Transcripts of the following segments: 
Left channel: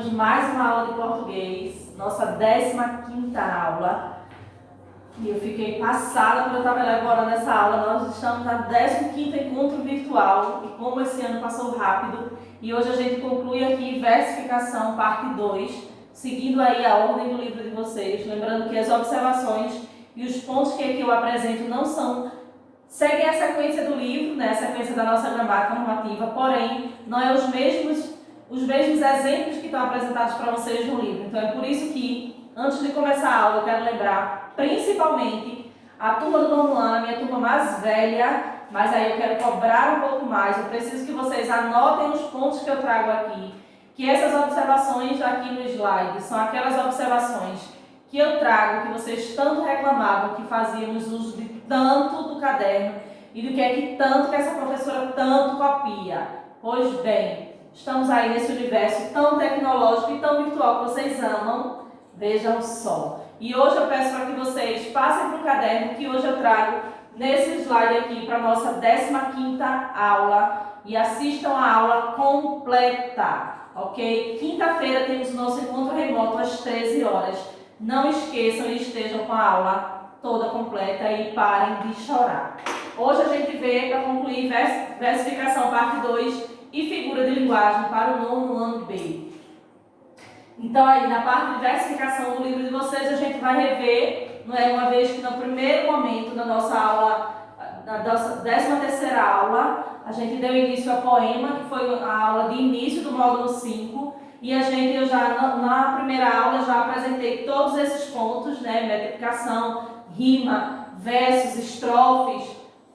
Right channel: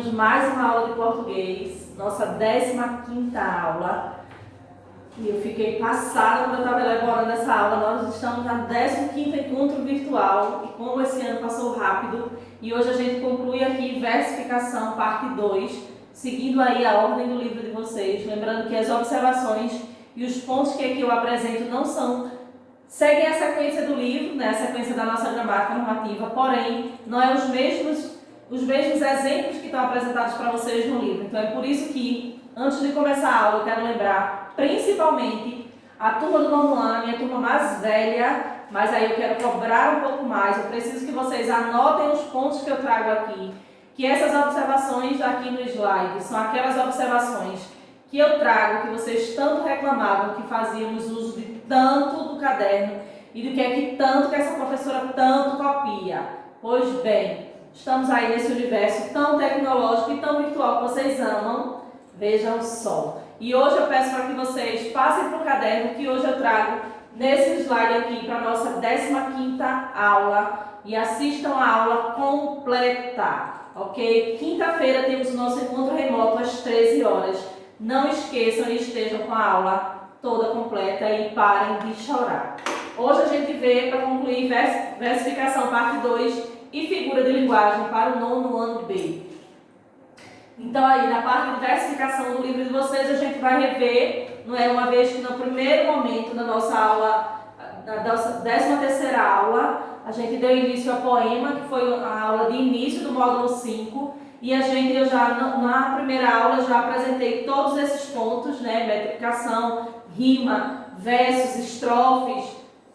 temos mais uma aula de português, nossa 15ª aula. E eu fiquei passada quando eu estava elaborando essa aula. Nós estamos na 15º encontro virtual e como esse ano passou rápido. E hoje a gente conclui aqui versificação, parte 2, seguindo aí a ordem do livro de vocês. Lembrando que as observações e os pontos que aqui eu apresento não seguem a sequência do livro, né, a sequência da nossa gramática normativa, porém, não é os mesmos exemplos que estão apresentados para vocês no livro. Então, é por isso que, antes de começar a aula, eu quero lembrar, principalmente, a turma do nono ano, a minha turma mais velha, mas aí eu quero cobrar um pouco mais. Eu preciso que vocês anotem os pontos que eu trago aqui, que essas observações aqui no slide são aquelas observações que eu trago, que vocês tanto reclamavam, que fazíamos uso de tanto do caderno e do que é que tanto que essa professora tanto copia. Pois bem, estamos aí nesse universo tão tecnológico e tão virtual que vocês amam, vejam só. E hoje eu peço para que vocês passem para o caderno, que hoje eu trago nesse slide aqui para a nossa 15ª aula e assistam a aula completa, ok? Quinta-feira temos o nosso encontro remoto às 13 horas. Não esqueçam e estejam com a aula toda completa e parem de chorar. Hoje a gente vê, para concluir, versificação parte 2 e figura de linguagem para o nono ano B. Então aí na parte de versificação do livro de vocês a gente vai rever, não é, uma vez que no primeiro momento da nossa aula, da nossa 13ª aula, a gente deu início ao poema, que foi a aula de início do módulo 5. E eu já, na primeira aula, já apresentei todos esses pontos, né? Metrificação, rima, versos, estrofes,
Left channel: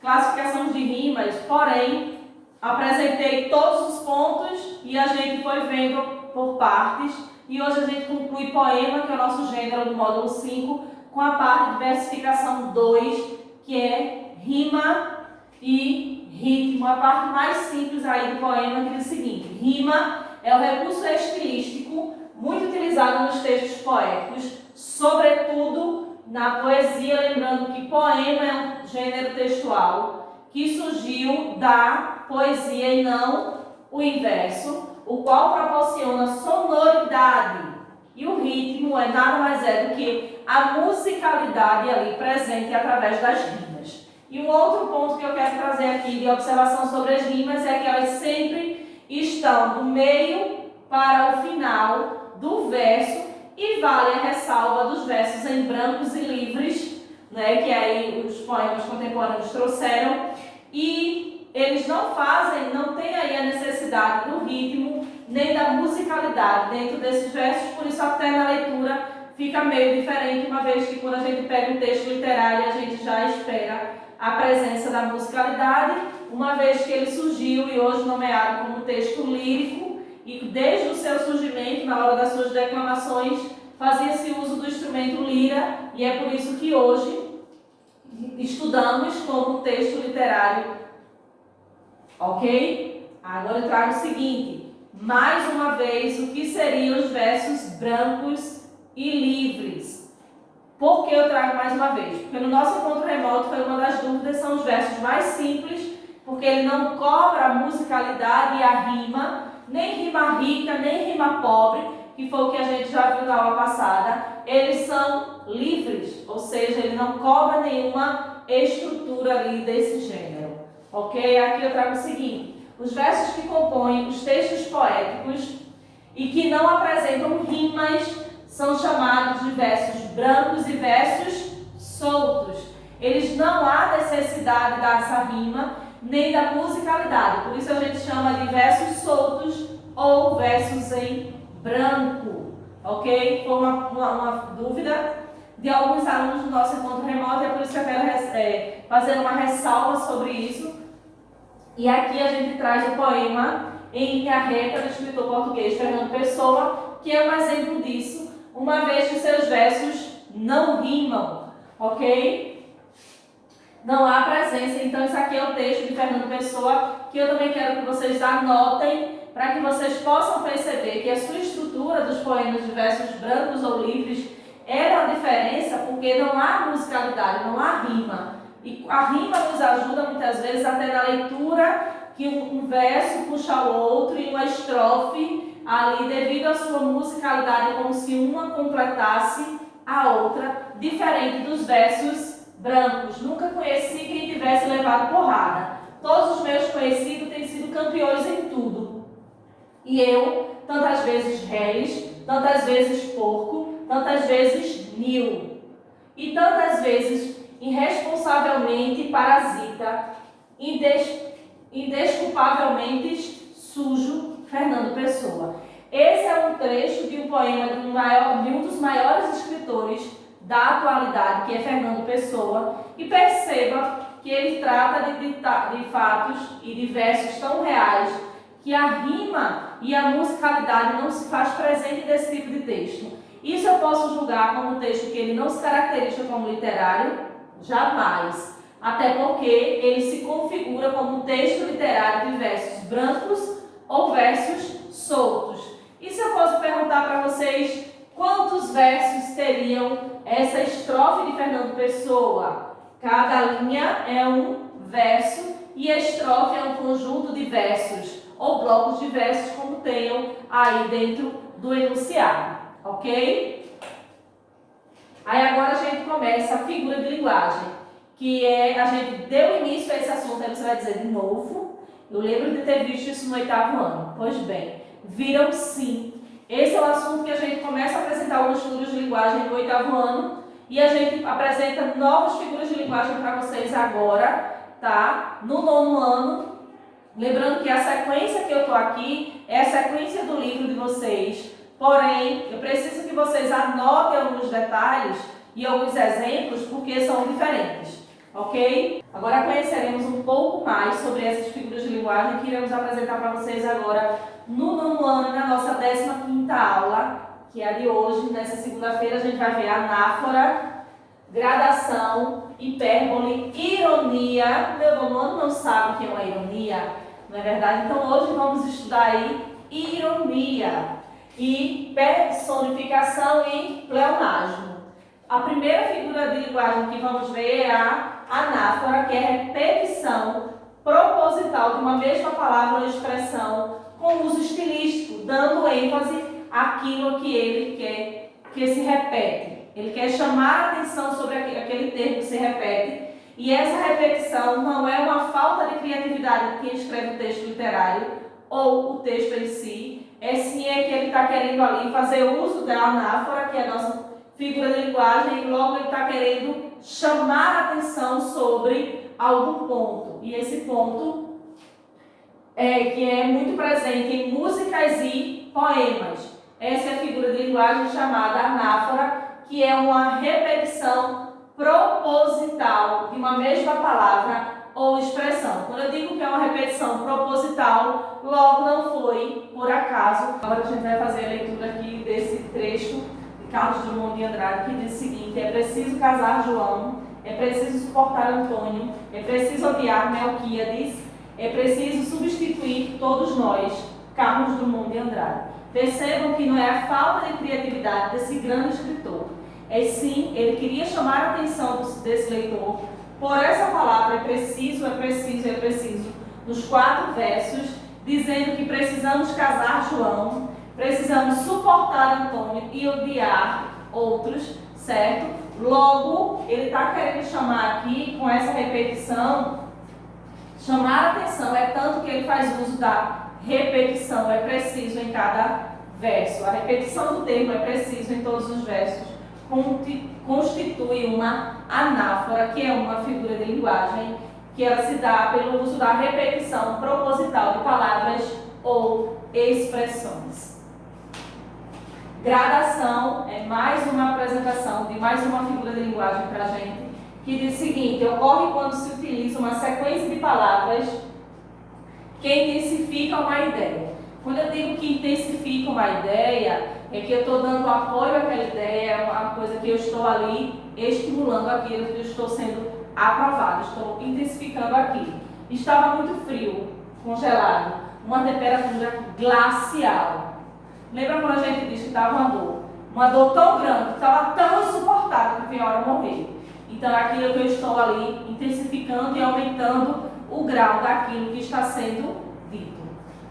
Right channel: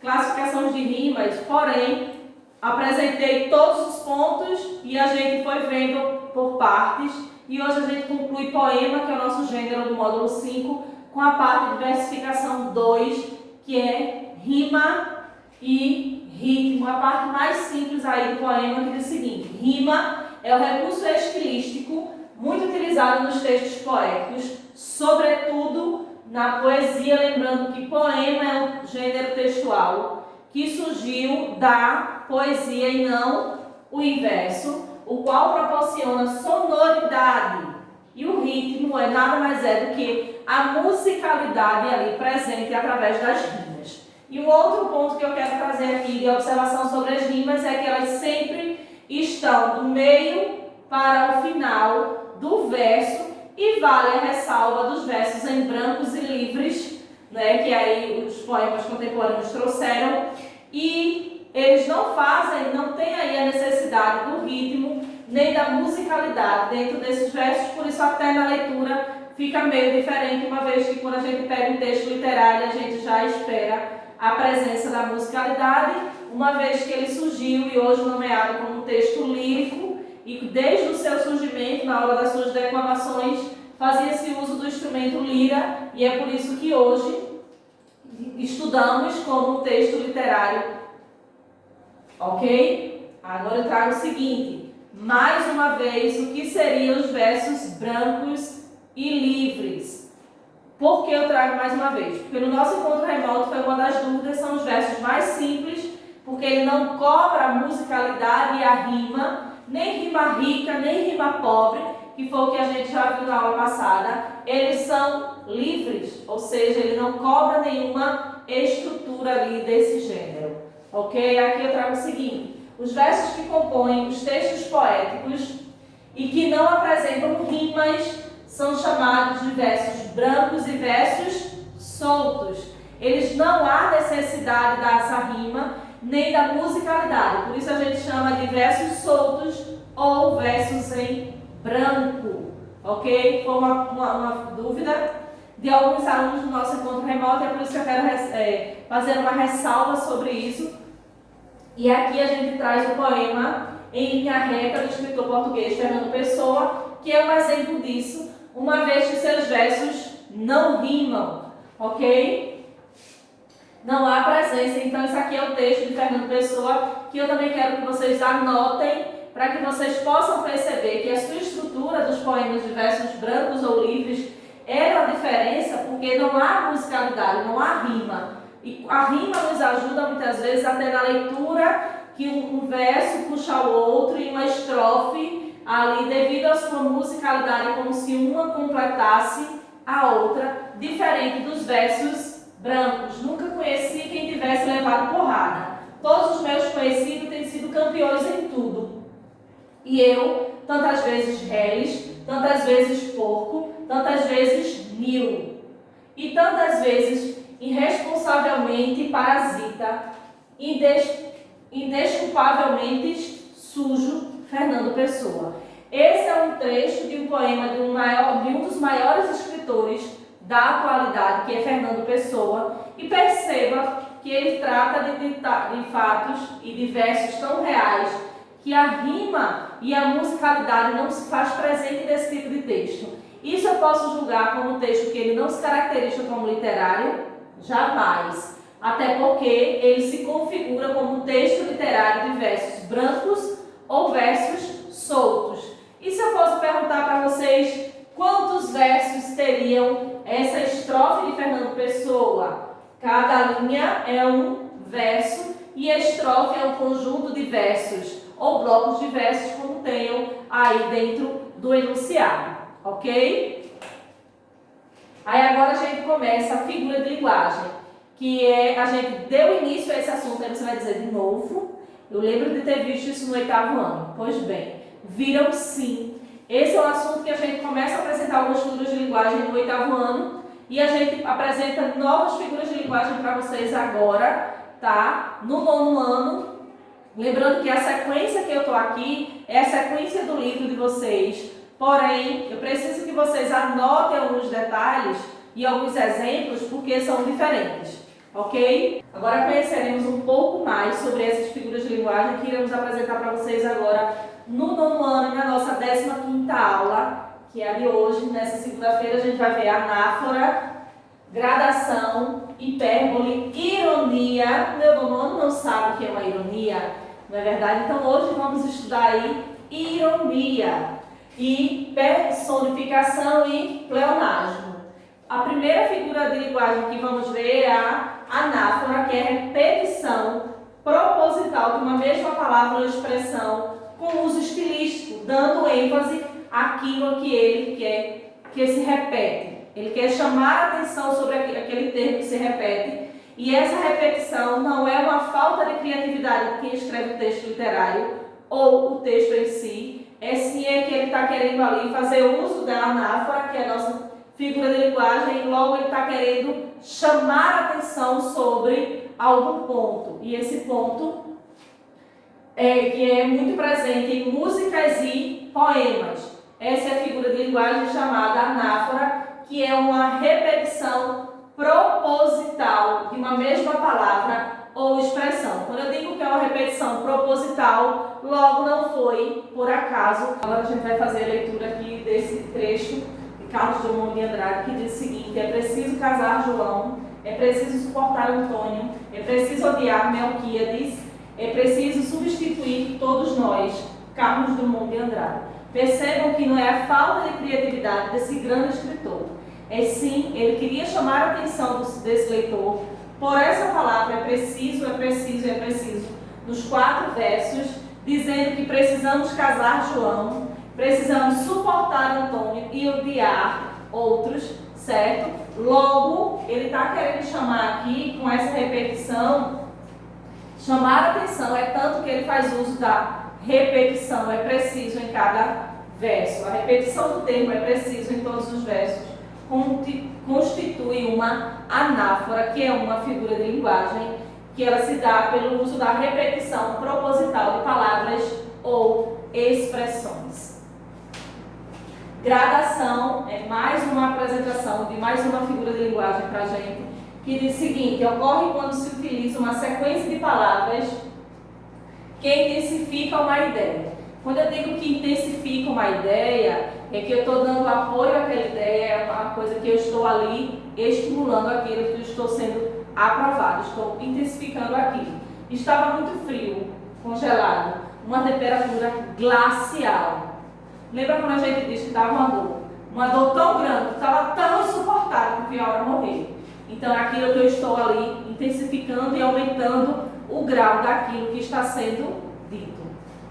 classificação de rimas, porém, apresentei todos os pontos e a gente foi vendo por partes. E hoje a gente conclui poema, que é o nosso gênero do módulo 5, com a parte de versificação 2, que é rima e ritmo. A parte mais simples aí do poema, que diz o seguinte: rima é o recurso estilístico muito utilizado nos textos poéticos, sobretudo na poesia, lembrando que poema é um gênero textual que surgiu da poesia e não o inverso, o qual proporciona sonoridade. E o ritmo é nada mais do que a musicalidade ali presente através das rimas. E um outro ponto que eu quero trazer aqui de observação sobre as rimas é que elas sempre estão do meio para o final do verso e vale a ressalva dos versos em brancos e livres, né, que aí os poemas contemporâneos trouxeram, e eles não têm aí a necessidade do ritmo nem da musicalidade dentro desses versos, por isso até na leitura fica meio diferente, uma vez que quando a gente pega um texto literário a gente já espera a presença da musicalidade, uma vez que ele surgiu e hoje nomeado como texto lírico, e desde o seu surgimento, na hora das suas declamações, fazia-se uso do instrumento lira, e é por isso que hoje estudamos como um texto literário. Ok? Agora eu trago o seguinte, mais uma vez, o que seriam os versos brancos e livres? Por que eu trago mais uma vez? Porque no nosso encontro remoto foi uma das dúvidas, são os versos mais simples, porque ele não cobra a musicalidade e a rima, nem rima rica, nem rima pobre, que foi o que a gente já viu na aula passada. Eles são livres, ou seja, ele não cobra nenhuma estrutura ali desse gênero. Ok? Aqui eu trago o seguinte, os versos que compõem os textos poéticos e que não apresentam rimas são chamados de versos brancos e versos soltos. Eles não há necessidade dessa rima nem da musicalidade, por isso a gente chama de versos soltos ou versos em branco, ok? Foi uma dúvida de alguns alunos do nosso encontro remoto, é por isso que eu quero fazer uma ressalva sobre isso. E aqui a gente traz o poema Em Linha Reta, do escritor português Fernando Pessoa, que é um exemplo disso, uma vez que seus versos não rimam, ok? Não há presença, então isso aqui é o texto de Fernando Pessoa, que eu também quero que vocês anotem, para que vocês possam perceber que a sua estrutura dos poemas de versos brancos ou livres era a diferença, porque não há musicalidade, não há rima. E a rima nos ajuda muitas vezes até na leitura, que um verso puxa o outro e uma estrofe ali devido à sua musicalidade, como se uma completasse a outra, diferente dos versos brancos. Nunca conheci quem tivesse levado porrada. Todos os meus conhecidos têm sido campeões em tudo. E eu, tantas vezes reles, tantas vezes porco, tantas vezes nil. E tantas vezes irresponsavelmente parasita, indesculpavelmente sujo, Fernando Pessoa. Esse é um trecho de um poema de um dos maiores escritores da atualidade, que é Fernando Pessoa, e perceba que ele trata de fatos e de versos tão reais que a rima e a musicalidade não se faz presente nesse tipo de texto. Isso eu posso julgar como um texto que ele não se caracteriza como literário? Jamais. Até porque ele se configura como um texto literário de versos brancos ou versos soltos. E se eu fosse perguntar para vocês quantos versos teriam essa estrofe de Fernando Pessoa? Cada linha é um verso e a estrofe é um conjunto de versos ou blocos de versos, como tenham aí dentro do enunciado, ok? Aí agora a gente começa a figura de linguagem, que é, a gente deu início a esse assunto, aí você vai dizer de novo. Eu lembro de ter visto isso no 8º ano. Pois bem, viram sim. Esse é o assunto que a gente começa a apresentar algumas figuras de linguagem no 8º ano e a gente apresenta novas figuras de linguagem para vocês agora, tá? No 9º ano. Lembrando que a sequência que eu estou aqui é a sequência do livro de vocês. Porém, eu preciso que vocês anotem alguns detalhes e alguns exemplos, porque são diferentes, ok? Agora conheceremos um pouco mais sobre essas figuras de linguagem que iremos apresentar para vocês agora no 9º ano, na nossa 15ª aula, que é a de hoje. Nessa segunda-feira a gente vai ver anáfora, gradação, hipérbole, ironia. Meu 9º ano não sabe o que é uma ironia, não é verdade? Então hoje vamos estudar aí ironia e personificação e pleonasmo. A primeira figura de linguagem que vamos ver é a anáfora, que é a repetição proposital de uma mesma palavra ou expressão com uso estilístico, dando ênfase àquilo que ele quer que se repete. Ele quer chamar a atenção sobre aquele termo que se repete. E essa repetição não é uma falta de criatividade de quem escreve o texto literário ou o texto em si, sim é que ele está querendo ali fazer uso da anáfora, que é a nossa figura de linguagem, e logo ele está querendo chamar a atenção sobre algum ponto. E esse ponto que é muito presente em músicas e poemas. Essa é a figura de linguagem chamada anáfora, que é uma repetição proposital de uma mesma palavra ou expressão. Quando eu digo que é uma repetição proposital, logo não foi por acaso. Agora a gente vai fazer a leitura aqui desse trecho de Carlos Drummond de Andrade, que diz o seguinte: é preciso casar João, é preciso suportar Antônio, é preciso odiar Melquíades, é preciso substituir todos nós. Carlos Drummond de Andrade. Percebam que não é a falta de criatividade desse grande escritor. Sim, ele queria chamar a atenção desse leitor por essa palavra, é preciso, nos 4 versos, dizendo que precisamos casar João, precisamos suportar Antônio e odiar outros, certo? Logo, ele está querendo chamar aqui, com essa repetição, chamar a atenção, é tanto que ele faz uso da repetição, é preciso em cada verso. A repetição do termo é preciso em todos os versos. Constitui uma anáfora, que é uma figura de linguagem que ela se dá pelo uso da repetição proposital de palavras ou expressões. Gradação é mais uma apresentação de mais uma figura de linguagem para a gente, que diz o seguinte: ocorre quando se utiliza uma sequência de palavras que intensificam uma ideia. Quando eu digo que intensifica uma ideia, é que eu estou dando apoio àquela ideia, é uma coisa que eu estou ali estimulando aquilo, que eu estou sendo aprovado, estou intensificando aquilo. Estava muito frio, congelado, uma temperatura glacial. Lembra quando a gente disse que estava uma dor tão grande, que estava tão insuportável que vinha a hora de morrer. Então é aquilo que eu estou ali intensificando e aumentando o grau daquilo que está sendo dito.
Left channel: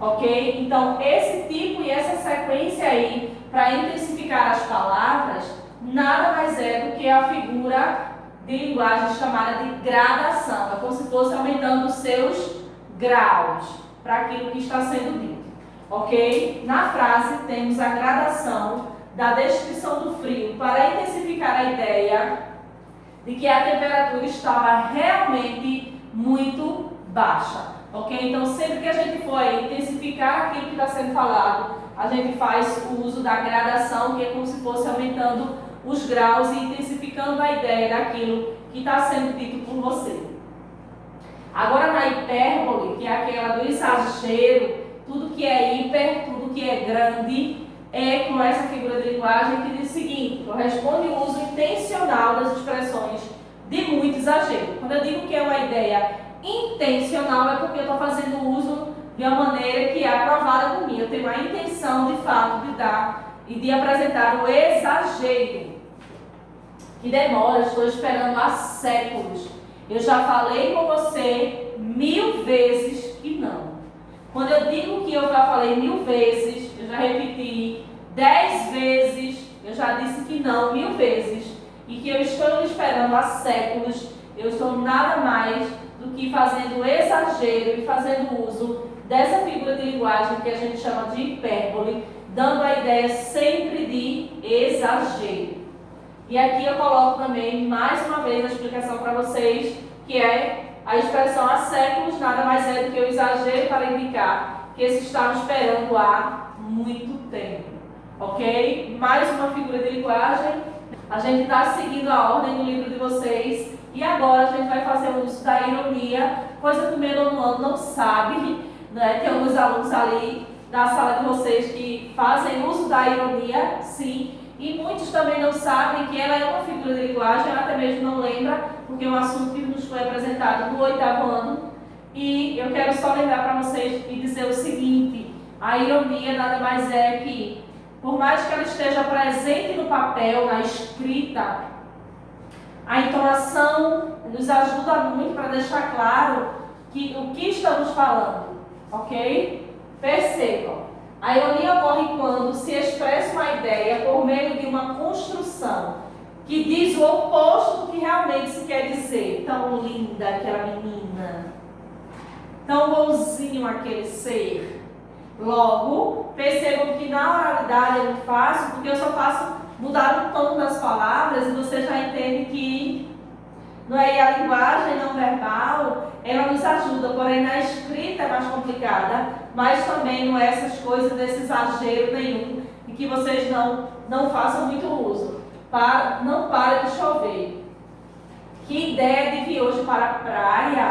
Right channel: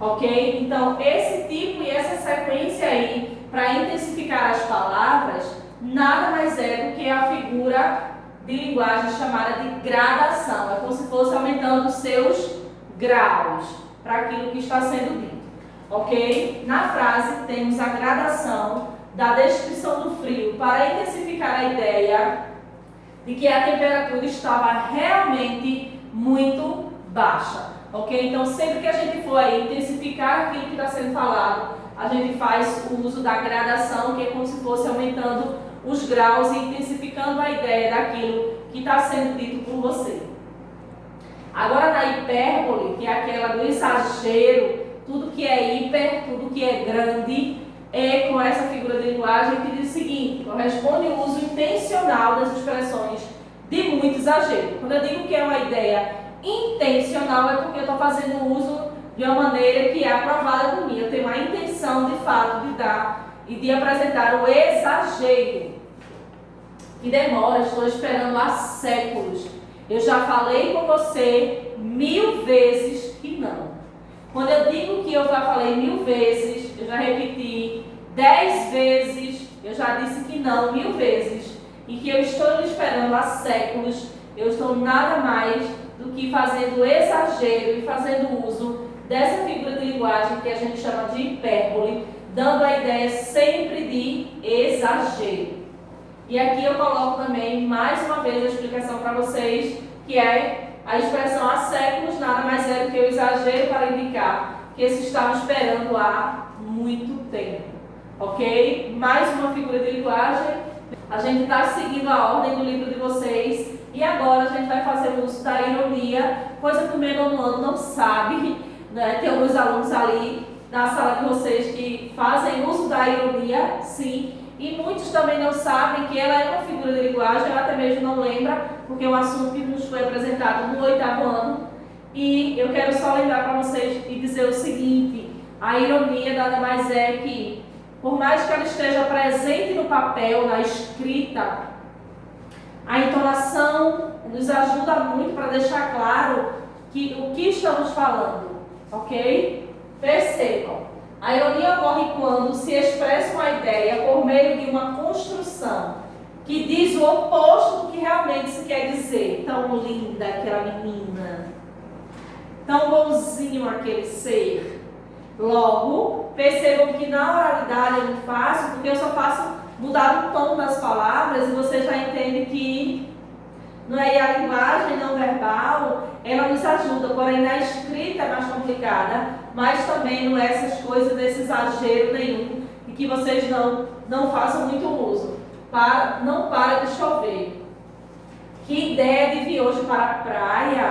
ok? Então, esse tipo e essa sequência aí, para intensificar as palavras, nada mais é do que a figura de linguagem chamada de gradação. É como se fosse aumentando os seus graus para aquilo que está sendo dito, ok? Na frase temos a gradação da descrição do frio para intensificar a ideia de que a temperatura estava realmente muito baixa, ok? Então, sempre que a gente for aí intensificar aquilo que está sendo falado, a gente faz o uso da gradação, que é como se fosse aumentando os graus e intensificando a ideia daquilo que está sendo dito por você. Agora, na hipérbole, que é aquela do exagero, tudo que é hiper, tudo que é grande, é com essa figura de linguagem que diz o seguinte: corresponde ao uso intencional das expressões de muito exagero. Quando eu digo que é uma ideia intencional, é porque eu estou fazendo uso de uma maneira que é aprovada por mim. Eu tenho a intenção, de fato, de dar e de apresentar o exagero, que demora, estou esperando há séculos. Eu já falei com você 1000 vezes que não. Quando eu digo que eu já falei 1000 vezes, eu já repeti 10 vezes, eu já disse que não 1000 vezes, e que eu estou esperando há séculos, eu estou nada mais do que fazendo exagero e fazendo uso dessa figura de linguagem que a gente chama de hipérbole, dando a ideia sempre de exagero. E aqui eu coloco também, mais uma vez, a explicação para vocês, que é a expressão há séculos, nada mais é do que o exagero para indicar que se estava esperando há muito tempo. Ok? Mais uma figura de linguagem. A gente está seguindo a ordem do livro de vocês e agora a gente vai fazer o uso da ironia, coisa que o meu nono ano não sabe, né? Tem alguns alunos ali da sala de vocês que fazem uso da ironia, sim. E muitos também não sabem que ela é uma figura de linguagem, ela até mesmo não lembra, porque é um assunto que nos foi apresentado no 8º ano. E eu quero só lembrar para vocês e dizer o seguinte: a ironia nada mais é que, por mais que ela esteja presente no papel, na escrita, a entonação nos ajuda muito para deixar claro que o que estamos falando, ok? Percebam. A ironia ocorre quando se expressa uma ideia por meio de uma construção que diz o oposto do que realmente se quer dizer. Tão linda aquela menina, tão bonzinho aquele ser. Logo, percebam que na oralidade é muito fácil, porque eu só faço mudar o tom das palavras e você já entende que não é, e a linguagem não verbal, ela nos ajuda, porém na escrita é mais complicada, mas também não é essas coisas desse exagero nenhum, e que vocês não façam muito uso. Não para de chover. Que ideia de vir hoje para a praia?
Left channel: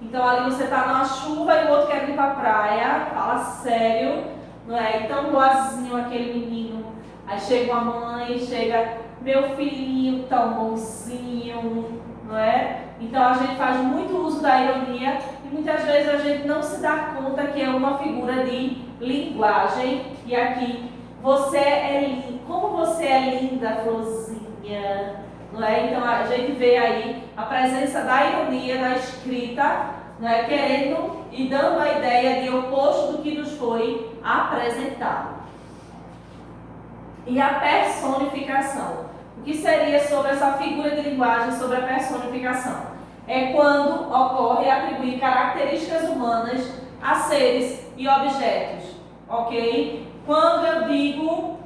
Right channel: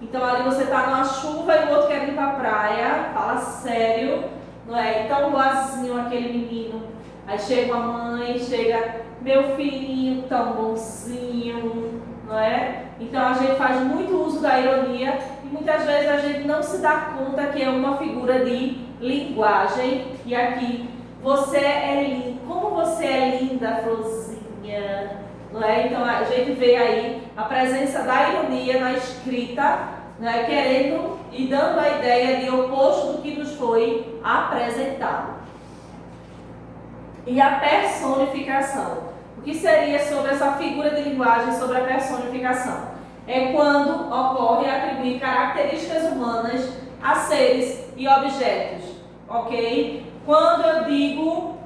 Então ali você está numa chuva e o outro quer ir para a praia, fala sério, não é? Tão boazinho aquele menino. Aí chega a mãe, chega meu filhinho tão bonzinho, não é? Então a gente faz muito uso da ironia e muitas vezes a gente não se dá conta que é uma figura de linguagem. E aqui, você é lindo, como você é linda, florzinha, não é? Então a gente vê aí a presença da ironia na escrita, não é? Querendo e dando a ideia de oposto do que nos foi apresentado. E a personificação. O que seria sobre essa figura de linguagem, sobre a personificação? É quando ocorre atribuir características humanas a seres e objetos, ok? Quando eu digo,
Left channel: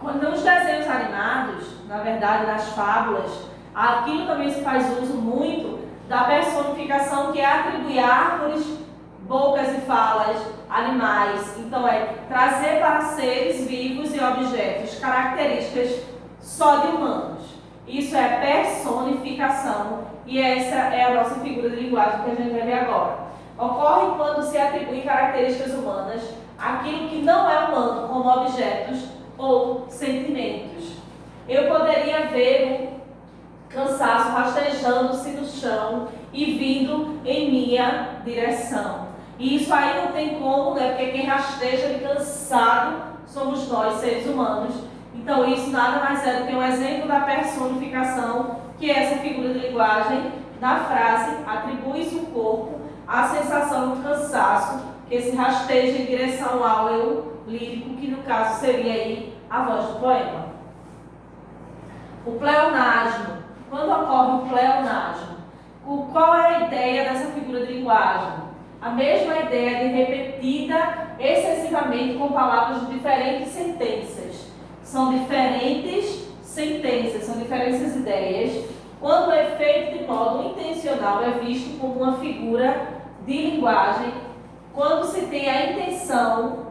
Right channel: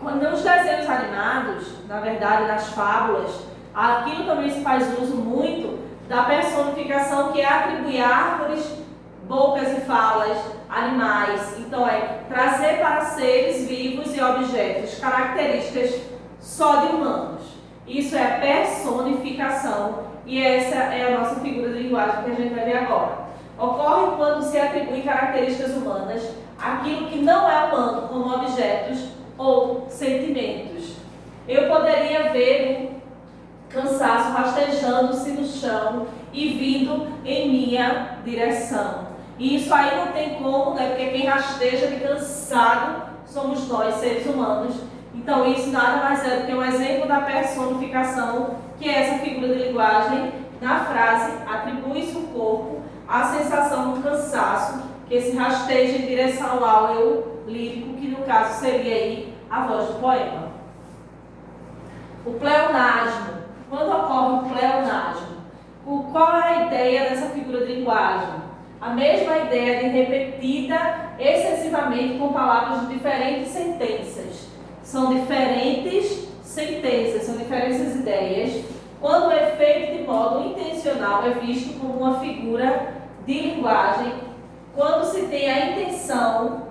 quando nos desenhos animados, na verdade nas fábulas, aquilo também se faz uso muito da personificação, que é atribuir árvores, bocas e falas, animais. Então trazer para seres vivos e objetos características só de humanos. Isso é personificação e essa é a nossa figura de linguagem que a gente vai ver agora. Ocorre quando se atribui características humanas àquilo que não é humano, como objetos ou sentimentos. Eu poderia ver o cansaço rastejando-se no chão e vindo em minha direção. E isso aí não tem como, né? Porque quem rasteja de cansado somos nós, seres humanos. Então isso nada mais é do que um exemplo da personificação, que é essa figura de linguagem. Na frase, atribui-se o corpo a sensação do cansaço, que esse rasteja em direção ao eu lírico, que no caso seria aí a voz do poema. O pleonasmo. Quando ocorre o pleonasmo? Qual é a ideia dessa figura de linguagem? A mesma ideia de repetida excessivamente com palavras de diferentes sentenças. São diferentes sentenças, são diferentes ideias, quando é feito de modo intencional, é visto como uma figura de linguagem, quando se tem a intenção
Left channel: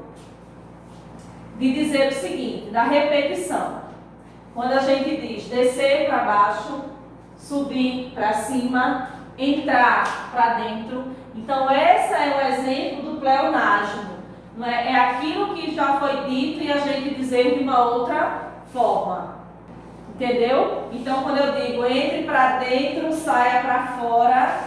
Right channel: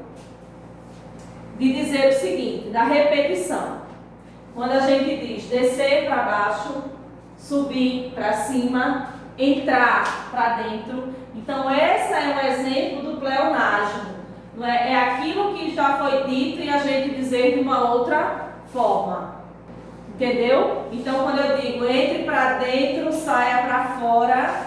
de dizer o seguinte, da repetição. Quando a gente diz descer para baixo, subir para cima, entrar para dentro. Então, esse é um exemplo do pleonasmo. Não é? É aquilo que já foi dito e a gente dizer de uma outra forma. Entendeu? Então, quando eu digo entre para dentro, saia para fora,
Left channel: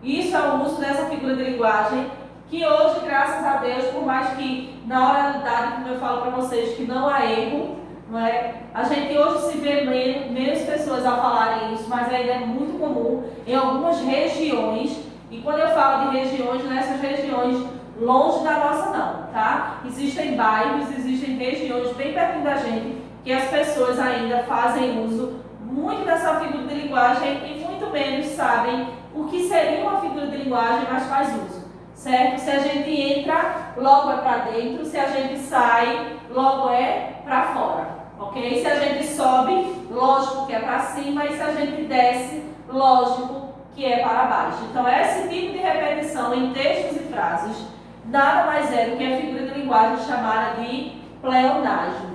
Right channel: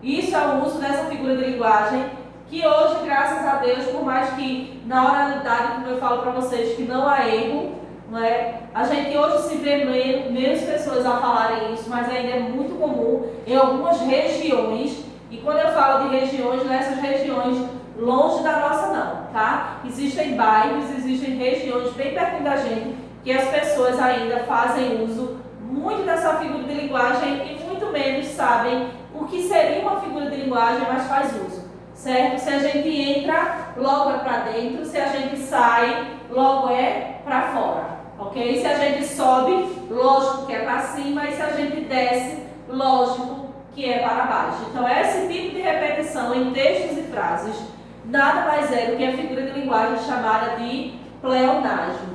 isso é o uso dessa figura de linguagem, que hoje, graças a Deus, por mais que na oralidade, como eu falo para vocês, que não há erro, não é? A gente hoje se vê menos pessoas a falarem isso, mas ainda é muito comum em algumas regiões. E quando eu falo de regiões, nessas regiões longe da nossa não, tá? Existem bairros, existem regiões bem perto da gente que as pessoas ainda fazem uso muito dessa figura de linguagem e muito menos sabem o que seria uma figura de linguagem, mas faz uso, certo? Se a gente entra, logo é para dentro, se a gente sai, logo é para fora, ok? Se a gente sobe, lógico que é para cima, e se a gente desce, lógico que é para baixo. Então, esse tipo de repetição em textos e frases nada mais é do que a figura de linguagem chamada de pleonasmo.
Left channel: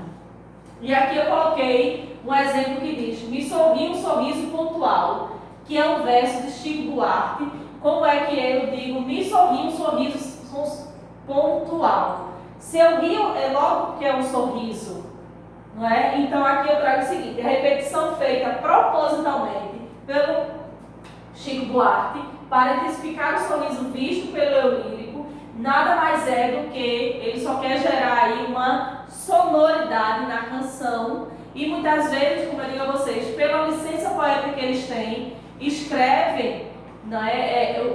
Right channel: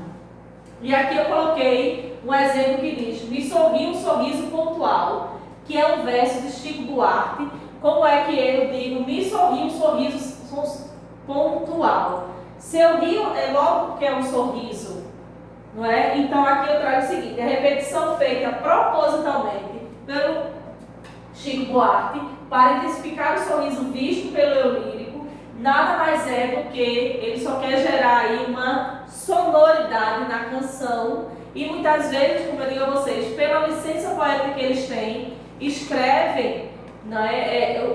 E aqui eu coloquei um exemplo que diz: me sorri um sorriso pontual, que é um verso de Chico Buarque. Como é que eu digo me sorri um sorriso pontual? Se eu rio, é logo que é um sorriso, não é? Então aqui eu trago o seguinte: a repetição feita propositalmente pelo Chico Buarque para intensificar o sorriso visto pelo eu lírico, nada mais é do que ele só quer gerar aí uma sonoridade na canção e muitas vezes, como eu digo a vocês, pela licença poética que eles têm, escrevem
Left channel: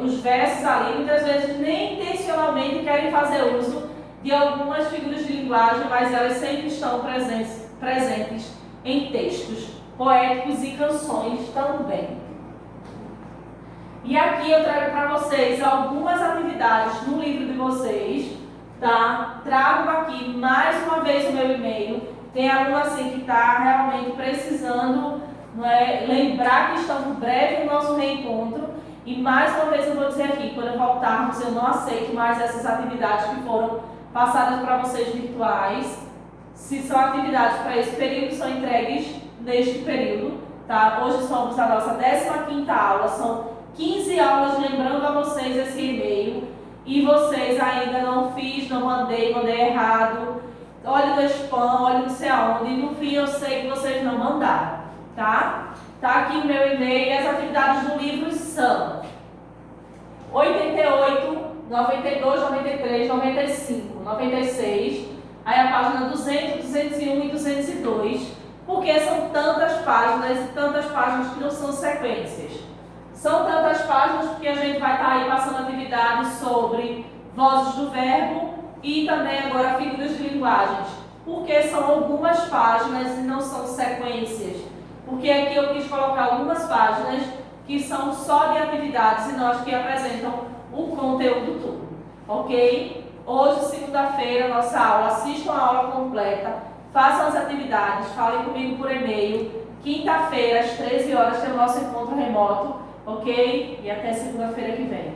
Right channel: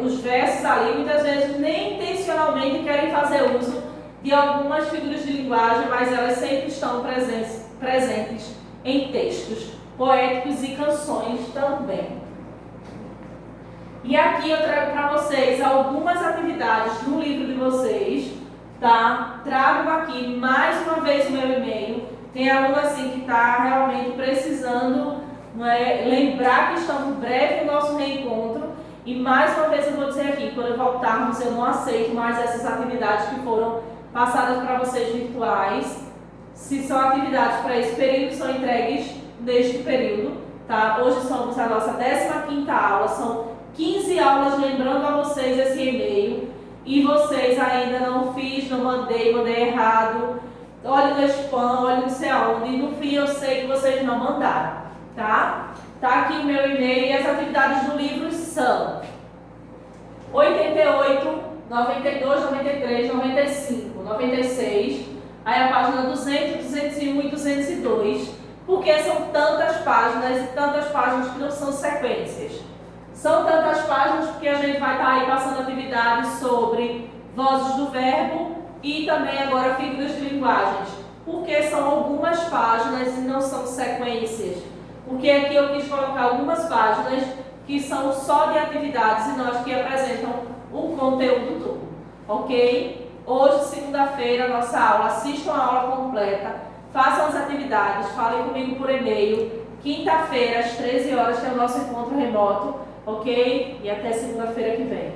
os versos ali, muitas vezes nem intencionalmente querem fazer uso de algumas figuras de linguagem, mas elas sempre estão presentes em textos poéticos e canções também. E aqui eu trago para vocês algumas atividades no livro de vocês, tá? Trago aqui mais uma vez o meu e-mail. Tem aluno assim que está realmente precisando, lembrar que estamos breve no nosso reencontro. E mais uma vez eu vou dizer aqui, quando voltarmos, eu não aceito mais essas atividades que foram passadas para vocês virtuais. Se são atividades para esse período, são entregues neste período, tá? Hoje somos a nossa 15ª aula, são 15 aulas lembrando a vocês esse e-mail. E vocês ainda não fiz, não mandei errado. Olha no spam, olha não sei aonde. E no fim eu sei que vocês não mandaram, tá? Tá aqui o meu e-mail e as atividades do livro são 88, 92, 93, 95, 96. Aí a página 200, 201 e 202. Porque são tantas páginas e tantas páginas que não são sequências. São tantas páginas porque a gente vai estar aí passando atividades sobre vozes do verbo e também agora figuras de linguagens. Porque são algumas páginas e não são sequências. Porque aqui eu quis colocar algumas páginas que são só de atividades e não as que apresentam o conteúdo todo. Ok? Hoje, segunda-feira, nossa aula. Assistam a aula completa. Façam as atividades. Falem comigo por e-mail. Quinta-feira, às 13 horas, tem o nosso encontro remoto. Ok? E até segunda-feira que vem.